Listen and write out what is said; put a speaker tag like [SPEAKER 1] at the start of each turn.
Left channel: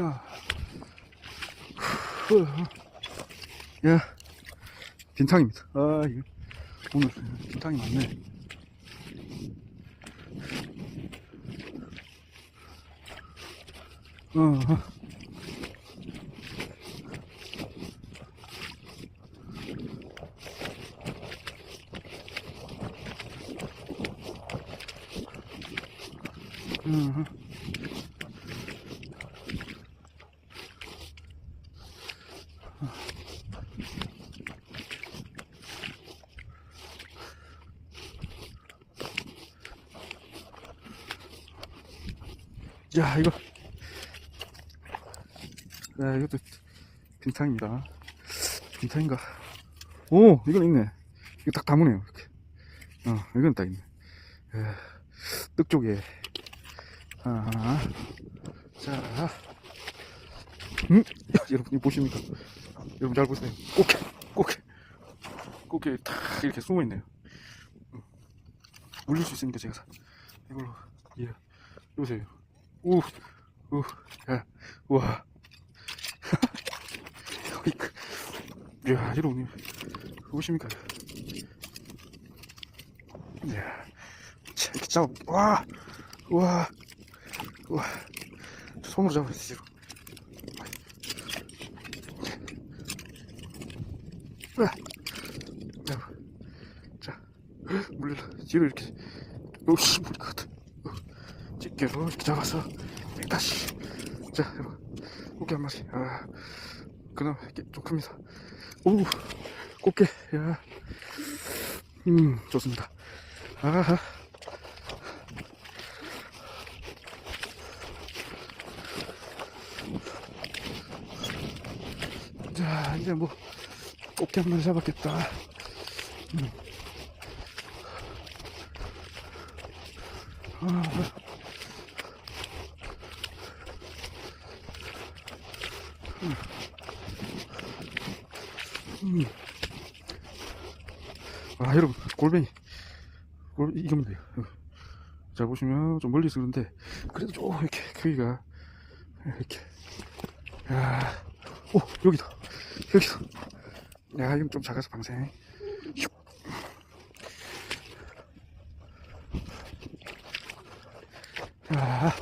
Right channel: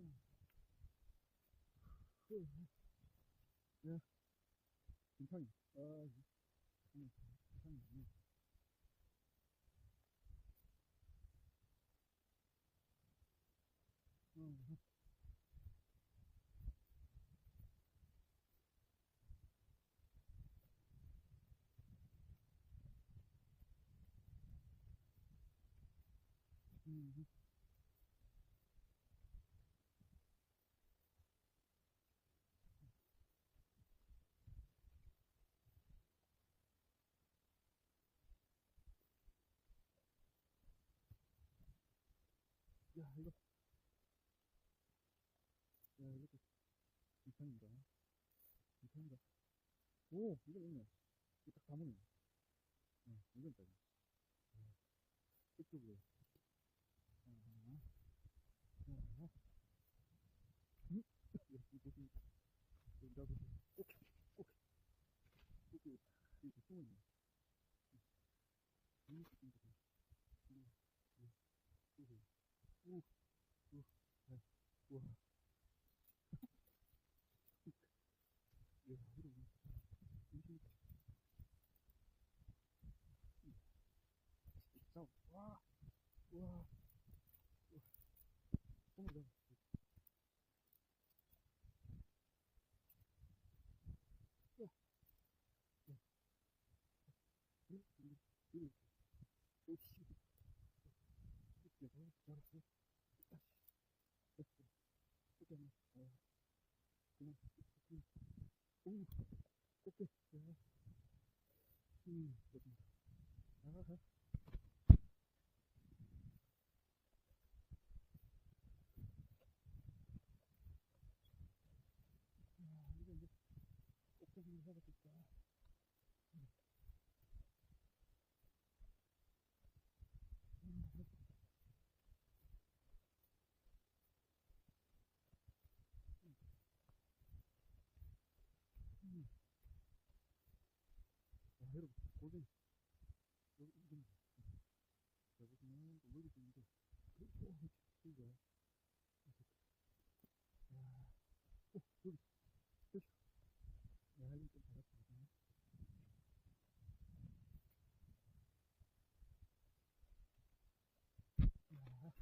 [SPEAKER 1] 야. 후. 야. 빈탕입니다. 아, 이거. 오늘 빈탕이 많네. 어, 어. 음. 야 이거. 야 이것도 빈탕입니다 빈탕인가? 오 이건 있네. 이거 딱 담으네요 이렇게. 어 이건 딱 있네. 야, 뜻 쪽에. 하나 자. 음? 야, 여러분 이거 보십니까? 여러분 잘 보세요. 꽃게 꽃게. 꽃게 딱 이렇게 숨어있네요. 음. 물릴 수 있으니까 제가 이걸로 예 보세요 우, 우, 야, 우와. 어이크. 야, 여러분, 보십니까? 야, 잡아, 와, 와, 와. 손으로 잡아야 지 와, 자, 자, 물려라. 뒤로 이렇게, 오씨, 물릴 것 같아. 집게로 이렇게 잡아서 다시 자 여러분 꽃게 한 마리. 아 이게 좀 큽니다. 오 꽃게. 야 음 좋습니다. 아하. 자 이제 뭐 꽃게 한 마리 잡았겠다. 음. 아, 음. 아 여러분 골뱅이 골 이거면 돼요 어. 자 보시면 좀 멀리서 그런데 그래도 좀 이렇게 크기가 이렇게 야 오 여기다 여기다 야 이건 좀 작아서 방생 슉. 자